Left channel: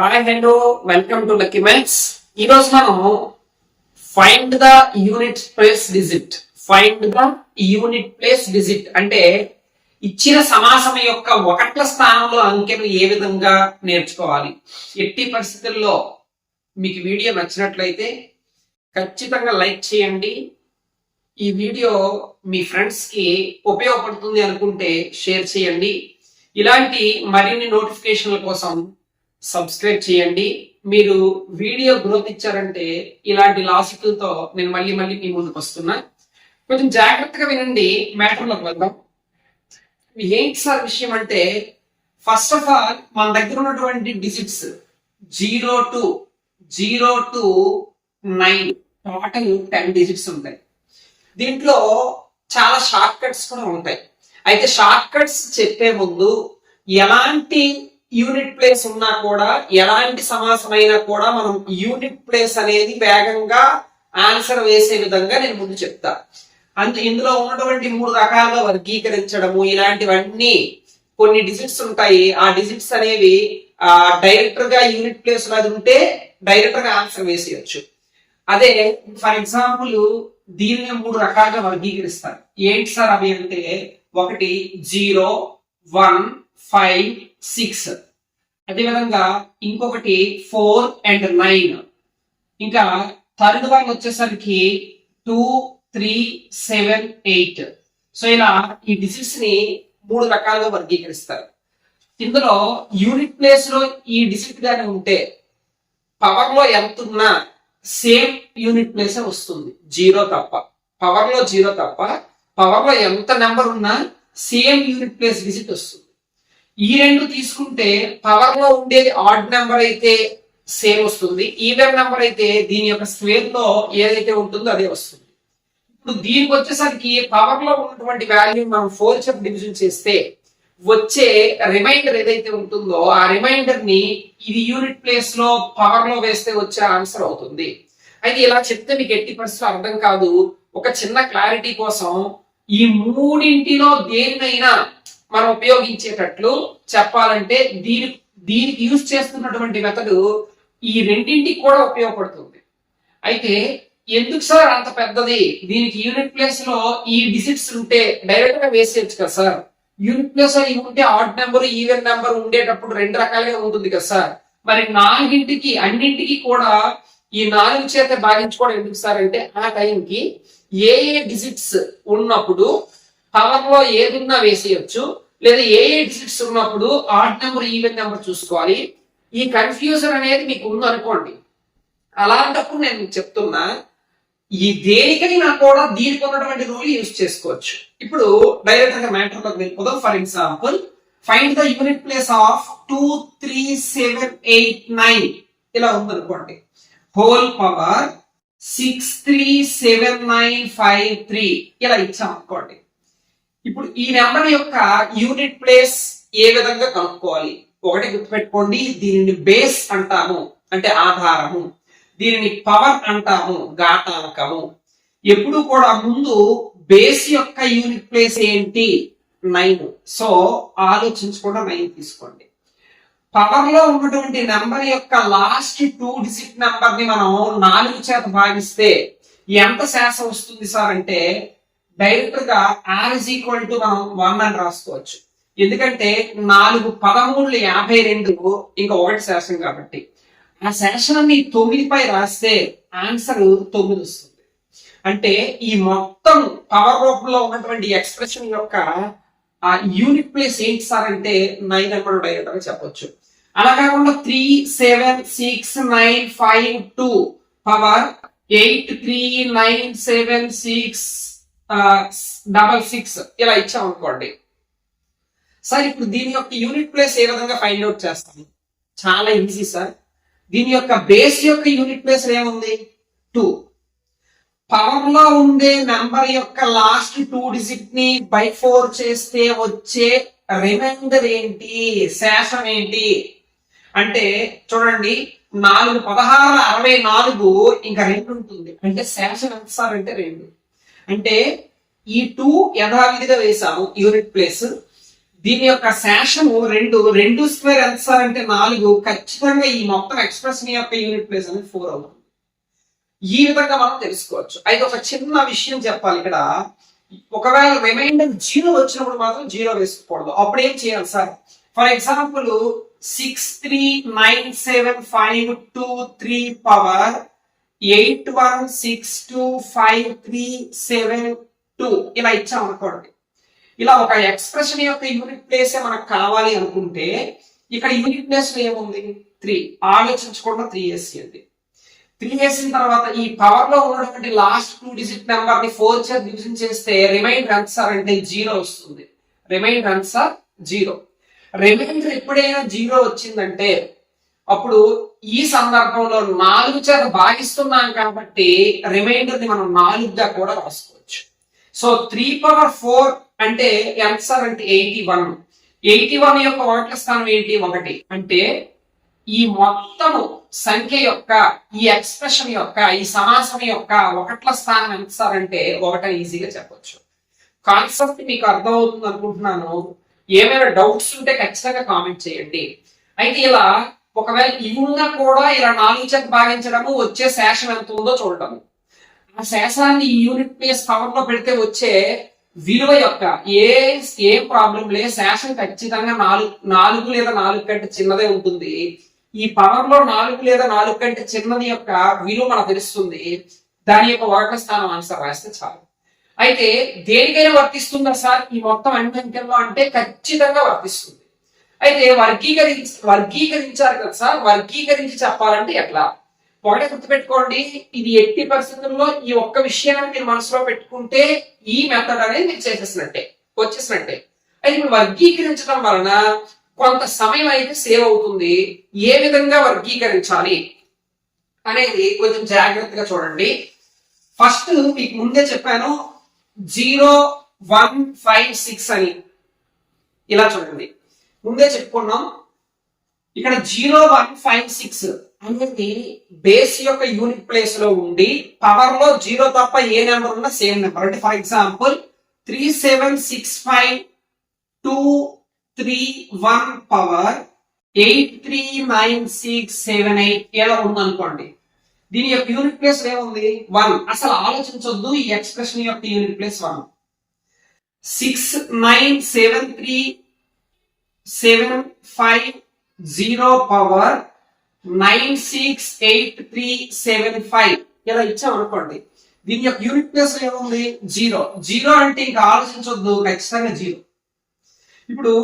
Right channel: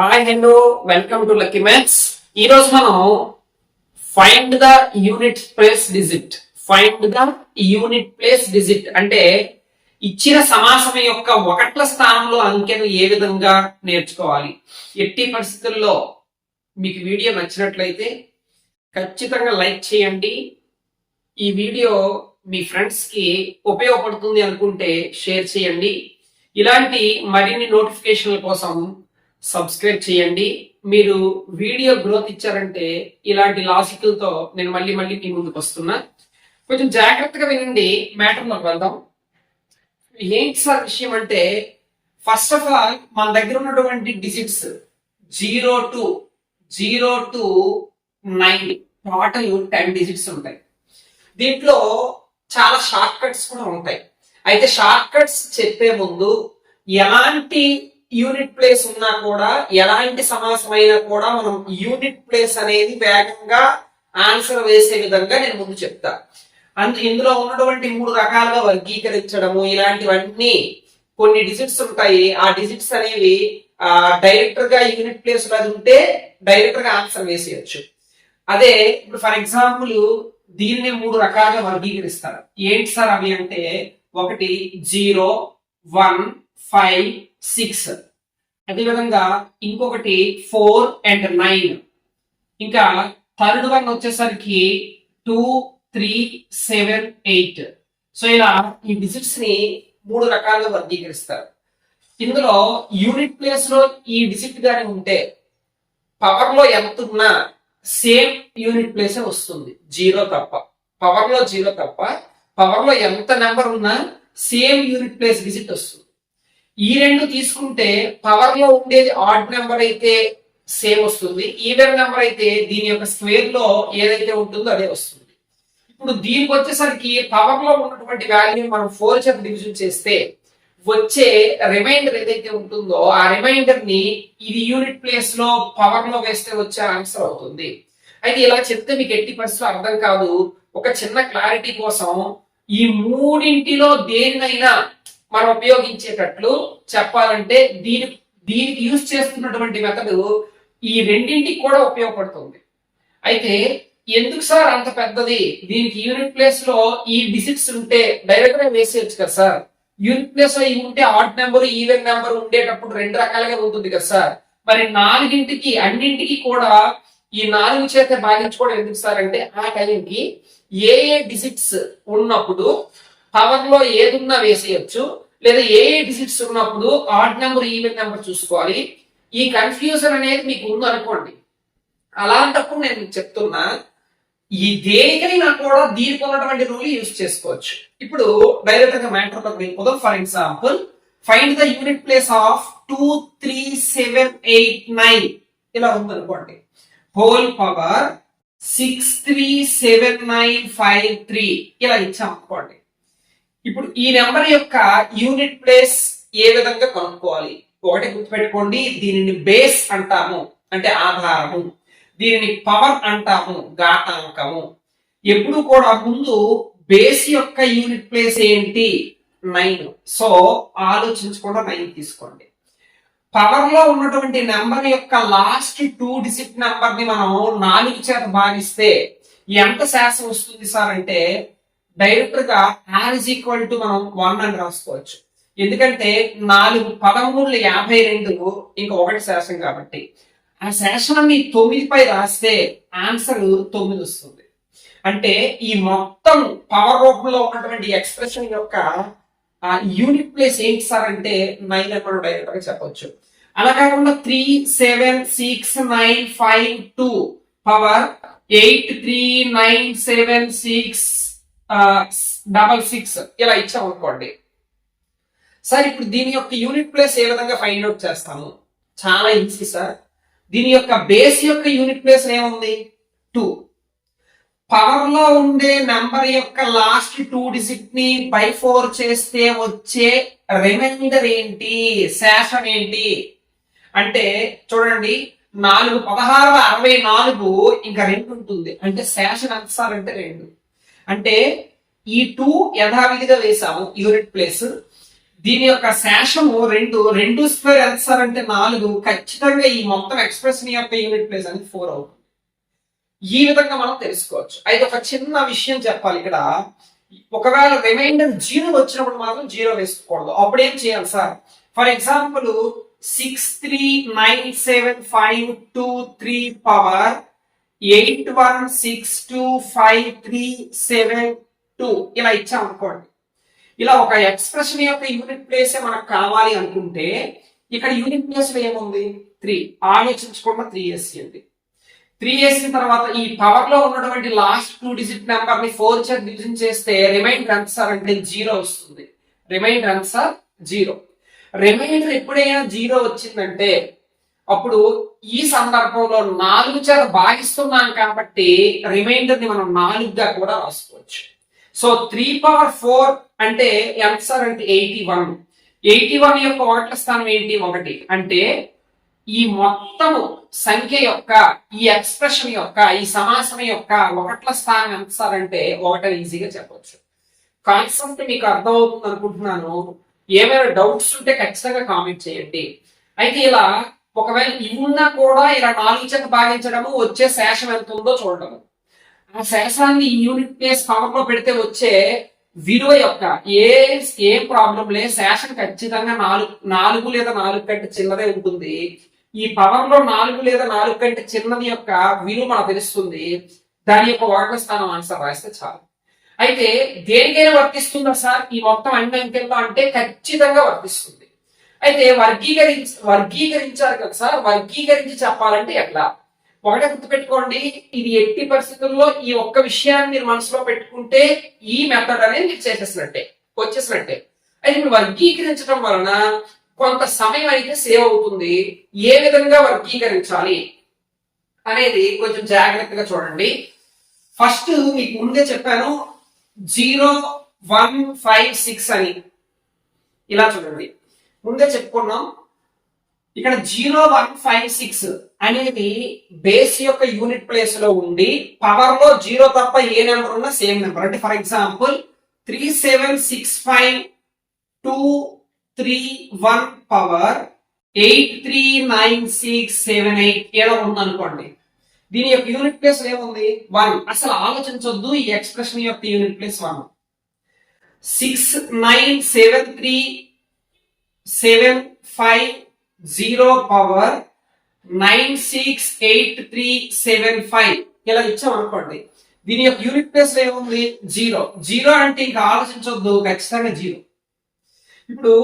Hi hello welcome to lucky maths. ఈ రోజు మనం find the unit place digit అంటే ఇచ్చిన సమాసం యొక్క ఒకట్ల స్థానంలో అంకెను ఏ విధంగా నేర్చుకోవాలి. ఎట్టి పరిస్థితుల్లో మీకు వీడియో నచ్చినట్లయితే ఖచ్చితంగా లైక్ చేయండి. ఈ వీడియో మీ ఫ్రెండ్స్ కి ఉపయోగపడుతుంది అనుకుంటే షేర్ చేయండి. ఇలాంటి మరిన్ని నోటిఫికేషన్ల కోసం సబ్స్క్రైబ్ చేయండి. మీరు వీడియో గ్రోత్ ఇచ్చారంటే ఇలాంటి లాజికల్తో నేను మళ్ళీ మీ ముందుకు వస్తున్నా. కొంచెం జాగ్రత్తగా వినండి. మ్యాటర్లోకి వెళ్దాం. ఏంటి సార్ విషయం అంటే, ఫస్ట్ ఆఫ్ ఆల్ మన దగ్గర ఉన్నటువంటి డిజిట్స్ 0 to 9 టోటల్ 10 డిజిట్స్ ఉంటాయి. దీంట్లో చాలా షార్ట్ కట్స్ కూడా ఉంటాయి. అయితే షార్ట్ కట్స్ చెప్పే ముందు ఎలాంటి యూనిట్ ప్లేస్ ఉన్నా కూడా, ఎలాంటి సమాసం అయినా కూడా మనం యూనిట్ ప్లేస్ అనేది వేగంగా ఆన్సర్ వేసే విధంగా నేను ముందు చెప్తా. ఇందులో ఉన్నటువంటి 3 రకాలుగా వర్గీకరించడము, ఇలాంటివన్నీ కొన్ని డిజిట్స్ ఉంటాయి. ఆ డిజిట్స్ అనేవి డైరెక్టర్ గా యూనిట్ ప్లేస్ లో అది ఉంటే డైరెక్టర్ గా ఆన్సర్ వేసేయచ్చు. అదే ఇప్పుడు ఫర్ ఎగ్జాంపుల్ దీన్ని 3 రకాలుగా వర్గీకరిస్తారు. ఏంటి సార్ అవి అంటే, ఒకటి 0, 1, 5, 6. అదేవిధంగా ఇంకొకటి 4 and 9. ఇంకా థర్డ్ వన్ వచ్చేసరికి 2, 3, 7, 8. సో ఇలా ఈ డిజిట్స్ ని 3 రకాలుగా వర్గీకరిస్తారు. ఇందులో యూనిట్ ప్లేస్ లో ఈ డిజిట్ గాని ఉంటే పవర్ లో ఎంత ఉన్నా సేమ్ యూనిట్ ప్లేస్ వస్తుంది, 0 తప్ప. పవర్ లో 0 తప్ప పవర్ లో ఎంత నెంబర్ ఉన్నా సేమ్ యూనిట్ ప్లేస్ డిజిట్ వస్తుంది. ఈ రెండు తీసుకుంటే పవర్ లో ఉండేది ఆడ్ నెంబర్ అయితే సేమ్ వస్తుంది, ఈవెన్ నెంబర్ అయితే దీని యొక్క స్క్వేర్ లో ఏదైతే ఉంటుందో అదే వస్తుంది. ఇప్పుడు దీనికి వచ్చేసరికి పవర్ లో ఉన్నటువంటి వాల్యూ మనం 4 చేత డివిజన్ చేస్తే వచ్చే రిమైండర్ ఏదైతే ఉంటుందో ఆ రిమైండర్ ని ఇది యూనిట్ ప్లేస్ లో పవర్ లో వేస్తే వచ్చే ఆన్సర్ అవుతుంది. అయితే ఇలా చెప్తే మీకు ఎట్టి పరిస్థితులు అర్థం కాదు. ఒక చిన్న క్లారిటీ కోసం ఈ మూడింటిలో దేనినైనా మనం ఉపయోగించేటట్లు చెప్పాలంటే దీనికి యూజ్ చేస్తున్నటువంటి మెథడ్ ఈ రెండింటికి కూడా ఉపయోగపడుతుంది. అయితే ఎందుకు సార్ అంత పెద్దది, దీనికి యూనిట్ ప్లేస్ లో ఈ డిజిట్స్ ఉంటే డైరెక్ట్ గా వేసేయచ్చు కదా సార్. యూనిట్ ప్లేస్ లో ఇవి ఉంటే ఆడ్ నెంబర్ ఈవెన్ నెంబర్ ఉండేటప్పుడు 2 రకాలుగా ఉంటుంది కదా సార్. మరి అన్నింటికి కూడా ఈ 4 చేత భాగించుకోవడం ఎందుకు సార్ అంటే, ఆ టైంకి ఏ డిజిట్స్ ఉన్నప్పుడు పవర్ లో ఏదున్నా వేసేయచ్చు, లేదా ఏ డిజిట్స్ ఉన్నప్పుడు ఆడ్ నెంబర్ ఈవెన్ నెంబర్ చూసుకోవాలి. ఈ కన్ఫ్యూజన్ అనేది మీకు ఉంది అనుకోండి. అలాంటప్పుడు నేను మీకు చెప్తున్నా, ఈ దేనికైనా కూడా దీనికి ఉన్నటువంటి రూల్ యూజ్ చేసుకోవచ్చు. ఇప్పుడు డైరెక్ట్ గా మ్యాటర్ లోకి వెళ్ళిపోదాం. For example, find the unit place of 2, 3, 7, 8, 9 ఇలా ఉందనుకోండి. హోల్ పవర్ 6, 3, 7, 9, 5, 3 ఇలా ఇచ్చాం అనుకోండి. ఇప్పుడు ఈ నెంబర్ యొక్క యూనిట్ ప్లేస్ ఏ విధంగా కనుక్కోవాలి? ఒకటి గుర్తుపెట్టుకోండి, దీనిని బేస్ అంటాము అంటే ఆధారము, దీనిని పవర్ అంటాము ఘాతాంకము. ఎప్పుడు కూడా ముందు బేస్ యొక్క యూనిట్ ప్లేస్ ఏంటి? 9. సో ఆలోచించకుండా 9 తీసుకోండి. పవర్ లో ఉన్నటువంటి నెంబర్ యొక్క లాస్ట్ 2 డిజిట్ నెంబర్ ని మనం 4 చేత భాగిస్తే ఎంత శాతం వస్తుంది సార్ అంటే, డైరెక్ట్ గా ఆర్ ఇజ్ ఈక్వల్ టు మనం 1 అని రాసుకోవచ్చు. ఎందుకంటే 4 13 52 ఇంకా 1 శాసనం కాబట్టి ఆ శాసనాన్ని 9 పై రాస్తే ఆన్సర్ 9 వస్తుంది. అంటే ఈ మొత్తం పవర్ రూపంలో ఉన్నటువంటి ఎక్స్ప్రెషన్ యొక్క ఆ యూనిట్ ప్లేస్ ఏంటి సార్ అంటే 9 అని మనం డైరెక్ట్ గా చెప్పొచ్చు. అలా కాకుండా 3, 7, 6, 9, 5, 2 పవర్ 8, 3, 9, 7, 6, 6 ఇలా ఇచ్చాం అనుకోండి. సార్ ఇప్పుడు దీని యొక్క యూనిట్ ప్లేస్ ఏ విధంగా ఫైండ్ అవుట్ చేస్తాము? చాలా ఈజీ సార్. దీని యొక్క బేస్ యొక్క యూనిట్ ప్లేస్ ఏముంది? 2. పవర్ లో ఉండే నెంబర్ యొక్క లాస్ట్ 2 డిజిట్ ని బై 4 చేస్తే వచ్చే రిమైండర్ ఏంటి? శాసనం ఏంటి అంటే చూడండి, 4 16 64 ఇంకా 2 ఉంటుంది. అంటే శాసనం ఎంత సార్ అంటే 2. అంటే ఈ 2 యథావిధిగా వేసాము యూనిట్ ప్లేస్. దీని యొక్క శేషము రెండు, రెండు స్క్వేర్ ఎంత సార్ అంటే 4. ఖచ్చితంగా ఈ మొత్తం ఎక్స్ప్రెషన్ యొక్క యూనిట్ ప్లేస్ అనేది 4 అవుతుంది. ఈ విధంగా మనం తెలుసుకోవచ్చు. అయితే ఒక చిన్న విషయం చెప్పాలి ఇక్కడ, ఒకవేళ రిమైండర్ 0 వచ్చినప్పుడు మాత్రం 0 వేసుకోకూడదు. అప్పుడు ఏం చేయాలి సార్? ఫర్ ఎగ్జాంపుల్ 639752 పవర్ 81625372 ఇలా ఇచ్చాం అనుకోండి. ఇలా ఒక ఎక్స్ప్రెషన్ యొక్క యూనిట్ ప్లేస్ మనకు కావాలి అనుకుంటే ఇక్కడ యూనిట్ ప్లేస్ లో ఏముంది? 3. ఆలోచించకుండా 3 వేసేయండి. 3 వేసిన తర్వాత ఈ పవర్ లో ఉన్నటువంటి లాస్ట్ 2 డిజిట్ నెంబర్ ని 4 చేత డివిజన్ చేస్తే రిమైండర్ ఎంత సార్ అంటే 0 వస్తుంది. రిమైండర్ ఎంత సార్? 0. రిమైండర్ ఎప్పుడైనా 0 వచ్చిందంటే అప్పుడు ఈ సందర్భంలో 4 చేత భాగిస్తున్నాం కాబట్టి రిమైండర్ ని మనం 4గా కూడా రాసుకోవచ్చు. సో 3/4 అంటే ఎంత సార్ అంటే 81. 81 యొక్క ఒకట్ల స్థానం ఏంటి? 1. అంటే ఈ మొత్తము సంఖ్య యొక్క, ఈ ఎక్స్ప్రెషన్ యొక్క, ఈ సమాసం యొక్క ఒకట్ల స్థానం ఎంత సార్ అంటే 1 ఈజీగా చెప్పొచ్చు. కాన్సెప్ట్ మీకు అర్థమవుతుంది అనుకుంటున్నాను. ఏమైనా డౌట్స్ ఉంటే ఖచ్చితంగా కామెంట్ చేయండి. అయితే ఇలా ఒకవేళ ఇవి ఉన్నా కూడా ఇలా 4 చేత భాగించడము, వచ్చే శేషం ఎంత ఉందో చూడటము, ఆ శేషాన్ని ఈ యూనిట్ ప్లేస్ పవర్ లో పెడితే వచ్చే విలువ యొక్క ఏ ప్రాబ్లం లే, శేషం ఖచ్చితంగా 4 లేదా 4 కంటే చిన్నదే ఉంటుంది. ఈ పవర్ లో 4 లేదా 4 కంటే చిన్నది యొక్క విలువ మనకు తెలుస్తుంది. దాని యొక్క ఒకట్ల స్థానం ఆన్సర్ రాస్తే చాలు. అయితే దేనికైనా వర్తిస్తుందా సార్ ఈ మొత్తం అన్ని అంకెల్లో అంటే ఖచ్చితంగా వర్తిస్తుంది. అయితే వర్గీకరించారు కదా సార్, వర్గీకరించి చెప్పాలంటే ఎట్లా? ఒకటే గుర్తుపెట్టుకోండి, ఇది ఎట్టి పరిస్థితుల్లో ఈ ఒక్క విషయాన్ని మీరు మనసులో పెట్టుకుంటే ఈ మెథడ్ అనేది మీరు వచ్చేసినట్టే. అయితే ఇప్పుడు వర్గీకరించడం వలన కొంత సమయం అయితే సేవ్ అవుతుంది. ఏ విధంగా వర్గీకరించాలి అనేది కొంచెం జాగ్రత్తగా చూడండి. ఫస్ట్ మీకు ముందే చెప్పాను 0 1 5 6 అని. ఇలా చూడండి, ముందే చెప్పుకున్నాం. ఇక్కడ 0 1 5 6 అనేది బేస్ యొక్క యూనిట్ ప్లేస్ లో ఉండి పవర్ లో 0 తప్ప ఏ నెంబర్ ఉన్నా సేమ్ నెంబర్. అంటే ఫర్ ఎగ్జాంపుల్ 376523 పవర్ 839678 ఏదో ఉందనుకోండి. దీని యొక్క యూనిట్ ప్లేస్ ఏముంది? 1. అసలు ఆలోచించొద్దు, ఈ ఎక్స్ప్రెషన్ యొక్క యూనిట్ ప్లేస్ 1. 6973750 పవర్ 968375 ఇలా ఇచ్చాం అనుకోండి. దీని యొక్క యూనిట్ ప్లేస్ ఏముంది? 0 అంటే ఇంకా ఆలోచించొద్దు, ఖచ్చితంగా 0. ఇప్పుడు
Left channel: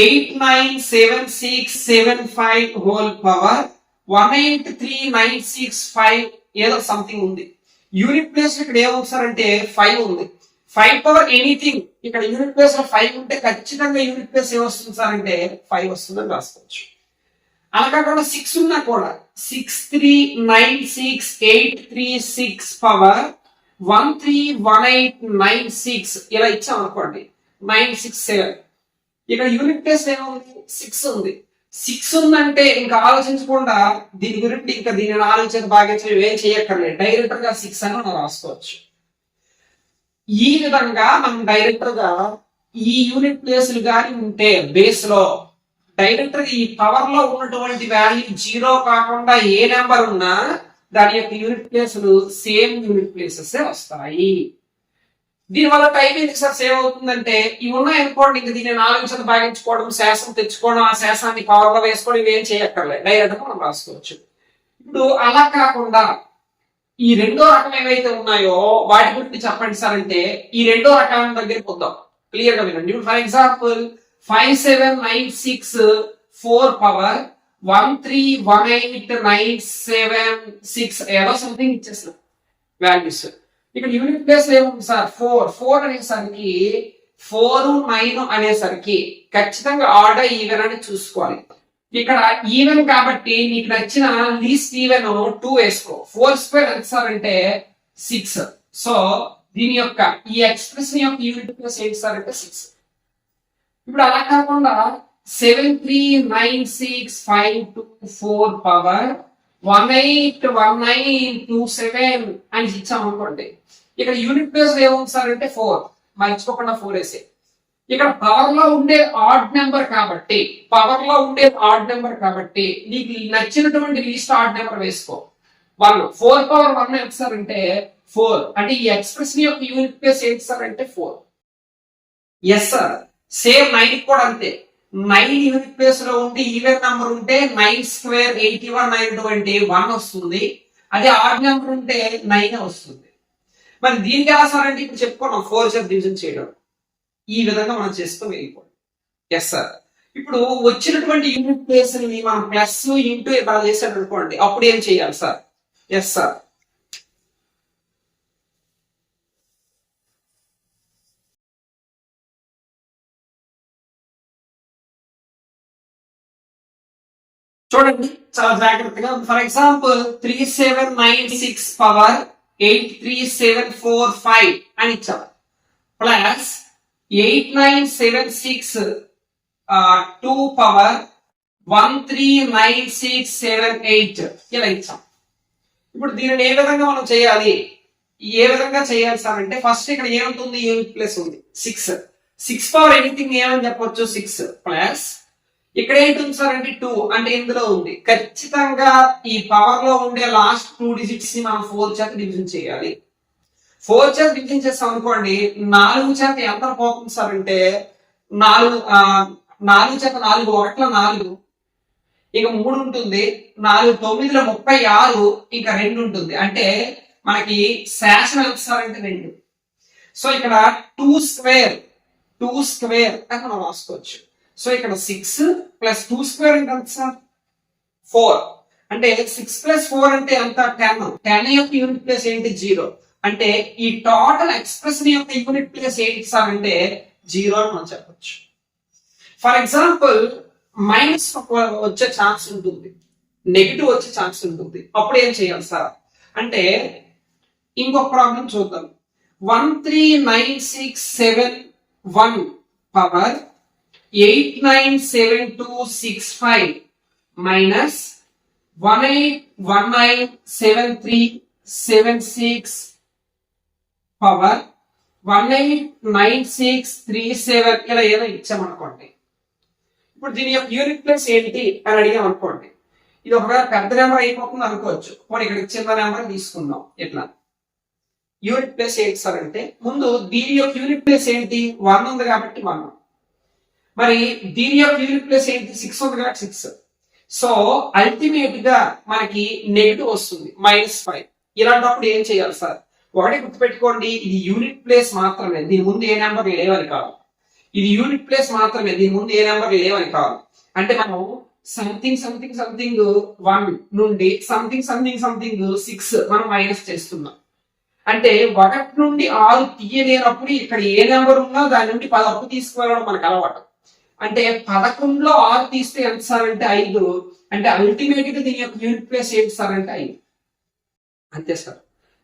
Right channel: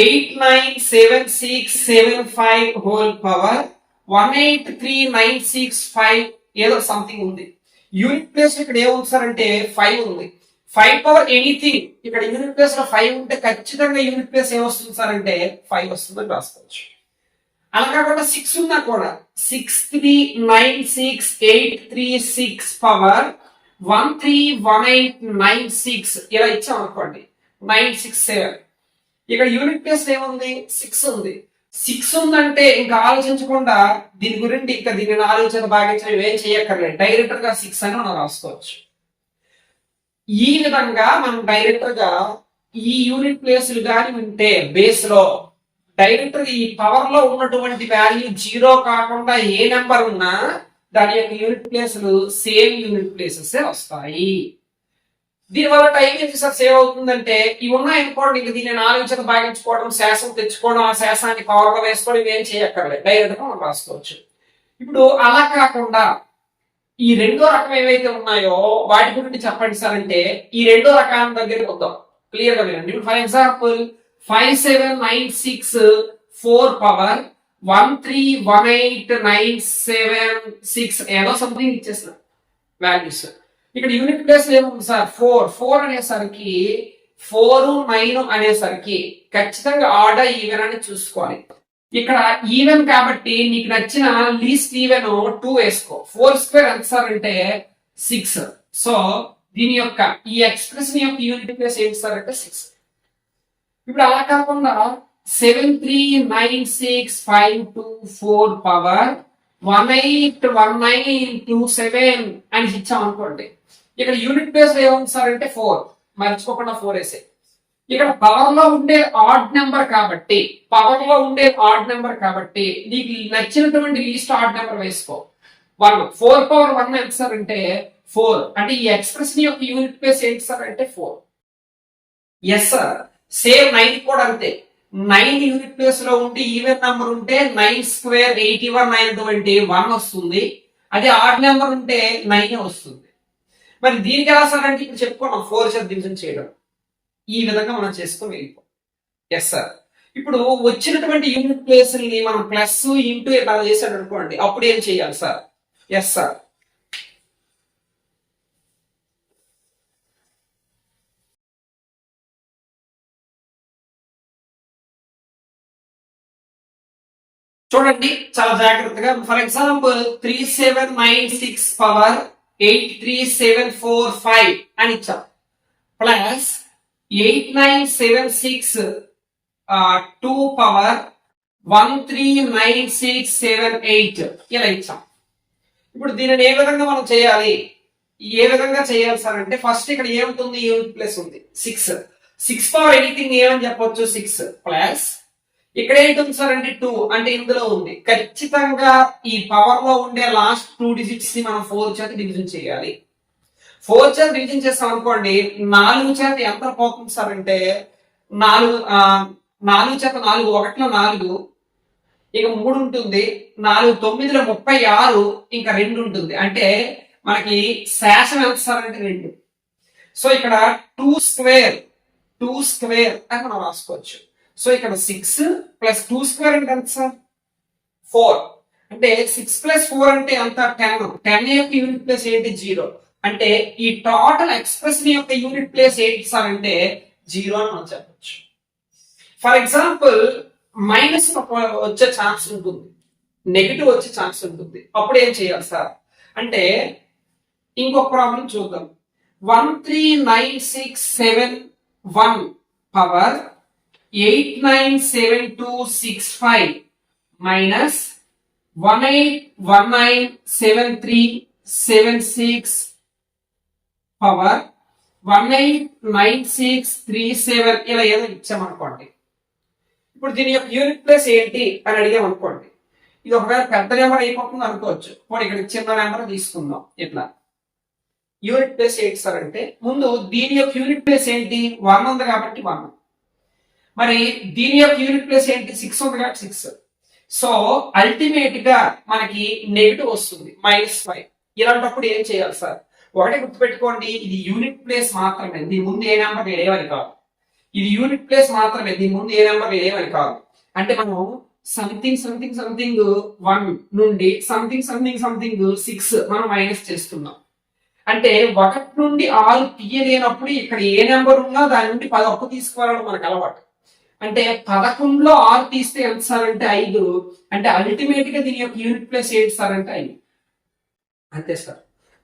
897675 హోల్ పవర్ 183965 ఏదో సంథింగ్ ఉంది. యూనిట్ ప్లేస్ ఇక్కడ ఏముంది సార్ అంటే 5 ఉంది. 5 పవర్ ఎనీథింగ్, ఇక్కడ యూనిట్ ప్లేస్ లో 5 ఉంటే ఖచ్చితంగా యూనిట్ ప్లేస్ ఏమొస్తుంది సార్ అంటే 5 వస్తుందని రాసుకోవచ్చు. అలా కాకుండా 6 ఉన్నా కూడా 6396836 పవర్ 131896 ఇలా ఇచ్చాం అనుకోండి. 967 ఇక్కడ యూనిట్ ప్లేస్ ఏముంది? 6 ఉంది. 6 ఉందంటే ఇంకా ఆలోచించకుండా దీని గురించి ఇంకా దీన్ని 4 చేత భాగించడం ఏం చేయక్కర్లేదు, డైరెక్టర్ గా 6 అని మనం రాసుకోవచ్చు. ఈ విధంగా మనం డైరెక్టర్ గా ఈ యూనిట్ ప్లేస్లు కానీ ఉంటే బేస్ లో డైరెక్టర్ ఈ పవర్ లో ఉన్నటువంటి వాల్యూ 0 కాకుండా ఏ నెంబర్ ఉన్నా దాని యొక్క యూనిట్ ప్లేస్లు సేమ్ యూనిట్ ప్లేసెస్ వస్తాయి. దీనివల్ల టైం ఎందుకు సార్ సేవ్ అవుతుందంటే ఇవి ఉన్నాయనుకోండి, ఇంక దీన్ని 4 చేత భాగించుకోవడం, శేషం తెచ్చుకోవడం, ఆ శేషాన్ని పవర్ లో వేసుకోవడం ఇవేం చేయక్కర్లేదు, డైరెక్ట్ గా మనం రాసుకోవచ్చు. ఇప్పుడు అలా కాకుండా ఈ రెండో రకం ఏవైతే ఉన్నాయో వాటి గురించి చెప్పండి సార్ అంటే ఈ రెండో రకాల దగ్గరికి వద్దాం. క్లియర్ గా వినండి. ఇప్పుడు ఫర్ ఎగ్జాంపుల్ 57964 పవర్ 131896 ఏదో సంథింగ్ ఇచ్చేసిన వాల్యూస్. ఇక్కడ యూనిట్ ప్లేస్ ఏముంది సార్? 4 అనేసరికి 4 9 అనేసరికి ఖచ్చితంగా ఆర్డర్ ఈవెన్ అని చూసుకోవాలి. ఇక్కడ ఈవెన్ కాబట్టి నీకు నచ్చిన లీస్ట్ ఈవెన్ 2 వేసుకో. 4 స్క్వేర్ ఎంత సార్ అంటే 6. సో దీని యొక్క ఈ ఎక్స్ప్రెషన్ యొక్క యూనిట్ ప్లేస్ ఏంటి సార్ అంటే 6. ఇప్పుడు అలా కాకుండా 7396524 పవర్ 181927 అని ఇచ్చాం అనుకోండి. ఇక్కడ యూనిట్ ప్లేస్ ఏముంది సార్ అంటే 4. మర్చిపోకుండా 4 వేసే. ఇక్కడ పవర్ లో ఉండే ఆడ్ నెంబర్ కాబట్టి నీకు నచ్చినటువంటి లీస్ట్ ఆడ్ నెంబర్ వేసుకో. 1 4 పవర్ 1 ఎంత సార్ అంటే 4. అంటే ఈ ఎక్స్ప్రెషన్ యొక్క యూనిట్ ప్లేస్ ఏంటి సార్ అంటే 4. ఎస్ సార్, సేమ్ 9 కూడా అంతే. 9 యూనిట్ ప్లేస్ లో ఉండి ఈవెన్ నెంబర్ ఉంటే 9 స్క్వేర్ 81 9 1 వస్తుంది. అదే ఆడ్ నెంబర్ ఉంటే 9 వస్తుంది. మరి దీనికి ఎలా సార్ అంటే ఇప్పుడు చెప్పుకున్నాం 4 చేత డివిజన్ చేయడం. ఈ విధంగా మనం చేసుకుని వెళ్ళిపోవాలి. ఎస్ సార్, ఇప్పుడు వచ్చినటువంటి యూనిట్ ప్లేస్ ని మనం ప్లస్ ఇంటూ ఇలా చేసాడు అనుకోండి, అప్పుడు ఏం చేయాలి సార్? ఎస్ సార్, చూడండి చాలా జాగ్రత్తగా. ఫర్ ఎగ్జాంపుల్ 3796 పవర్ 83745 అని ఇచ్చాం, ప్లస్ 8976 2 పవర్ 139678 ఇలా ఇచ్చాం. ఇప్పుడు దీనిని ఏ విధంగా మనం చేయాలి? ఏ విధంగా చేయాలి సార్ అంటే ఫస్ట్ ఇక్కడ ఏముంటుంది? యూనిట్ ప్లేస్ ఉంది 6. 6 పవర్ ఎనీథింగ్ ఏమని చెప్పొచ్చు? 6 ప్లస్ ఇక్కడ ఏంటుంది సార్ అంటే 2. అంటే ఇందులో ఉంది. ఖచ్చితంగా ఈ పవర్ లో ఉండే లాస్ట్ 2 డిజిట్స్ ని మనం 4 చేత డివిజన్ చేయాలి. 4 చేత డివిజన్ చేస్తాం అనుకోండి, 4 చేత ఎంత పోతుంది సార్ అంటే 4 చేత 4 1 4, ఇక 3 ఉంటుంది, 4 9 36, ఇంకా 2 ఉంటుంది. అంటే మనకి శాసనం ఎంత సార్ అంటే 2. సో ఇక్కడ 2 స్క్వేర్ అని మనం రాసుకోవచ్చు. సో ఇక్కడ 6 ప్లస్ 2 స్క్వేర్ అంటే ఎంత సార్? 4. అంటే 6 ప్లస్ 4 అంటే అంత 10 యొక్క యూనిట్ ప్లేస్ ఏంటి? 0. అంటే ఈ టోటల్ ఎక్స్ప్రెషన్ యొక్క యూనిట్ ప్లేస్ ఏంటి సార్ అంటే 0 అని మనం చెప్పొచ్చు. ఫర్ ఎగ్జాంపుల్ మైనస్ వచ్చే ఛాన్స్ ఉంటుంది, నెగిటివ్ వచ్చే ఛాన్స్ ఉంటుంది. అప్పుడు ఏం చేయాలి సార్ అంటే ఇంకొక ప్రాబ్లం చూద్దాం. 13967 పవర్ 897265 మైనస్ 18197376 పవర్ 189637 ఇలా ఏదో ఇచ్చామనుకోండి. ఇప్పుడు దీని యొక్క యూనిట్ ప్లేస్ ఏంటి అని అడిగాం అనుకోండి, ఇది ఒకవేళ పెద్ద నెంబర్ అయిపోతుంది అనుకోవచ్చు. ఇప్పుడు ఇక్కడ చిన్న నెంబర్ తీసుకుందాం. ఇట్లా యూనిట్ ప్లేస్ ఏంటి సార్ అంటే ముందు దీని యొక్క యూనిట్ ప్లేస్ ఏంటి? 1 ఉంది కాబట్టి 1. మరి దీని యొక్క యూనిట్ ప్లేస్ ఏంటి? 6 ఉంది కాబట్టి 6. సో అల్టిమేట్ గా మనకి నెగిటివ్ వస్తుంది -5. ఇలాంటప్పుడు ఏం చేయాలి సార్? ఒకటి గుర్తుపెట్టుకోండి, ఇది యూనిట్ ప్లేస్ మాత్రమే, దీని ముందు ఏ నెంబర్ లేవని కాదు. ఇది యూనిట్ ప్లేస్ మాత్రమే, దీని ముందు ఏ నెంబర్ లేవని కాదు. అంటే మనం సంథింగ్ 1 నుండి సంథింగ్ 6 మనం మైనస్ చేస్తున్నాం. అంటే 1 నుండి 6 తీయలేనప్పుడు ఇక్కడ ఏ నెంబర్ ఉన్నా దాని నుండి 10 అప్పు తీసుకువెళ్ళడం మనకు అలవాటు. అంటే 11లో 6 తీస్తే ఎంత సార్ అంటే 5. అంటే అల్టిమేట్ గా దీని యొక్క యూనిట్ ప్లేస్ ఏంటి సార్ అంటే 5. అంతే సార్.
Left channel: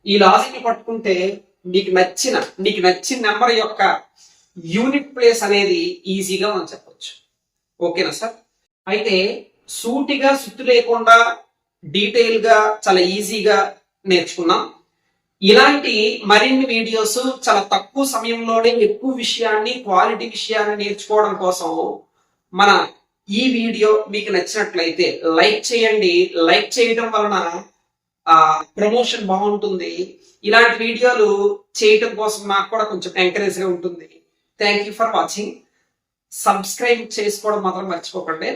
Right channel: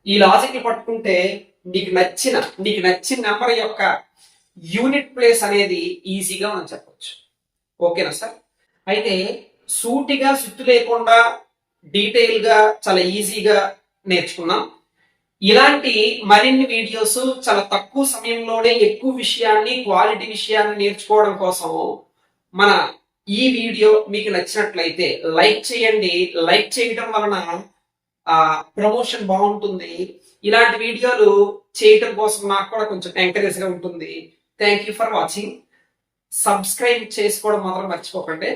ఈ లాజిక్ ని పట్టుకుంటే నీకు నచ్చిన నెంబర్ యొక్క యూనిట్ ప్లేస్ అనేది ఈజీగా మనం చెప్పొచ్చు. ఓకేనా సార్? అయితే సూటిగా సుత్తు లేకుండా డీటెయిల్ గా చాలా ఈజీగా నేర్చుకున్నాం. ఇలాంటి మరిన్ని వీడియోస్ చాలా తక్కువ సమయంలోనే ఎక్కువ విషయాన్ని, క్వాలిటీ విషయాన్ని నేర్చుకోవడం కోసం మన ఈ వీడియో మీకు నచ్చినట్లయితే లైక్ చేయండి. లైక్ చేయడం వలన ప్రమోషన్ బాగుంటుంది. ఇలాంటి వీడియోలు చేయటం కోసం నాకు కూడా కొంచెం ఎంకరేజ్ గా ఉంటుంది. Thank you for watching. Subscribe చేసుకోవడం మాత్రం మర్చిపోకండి.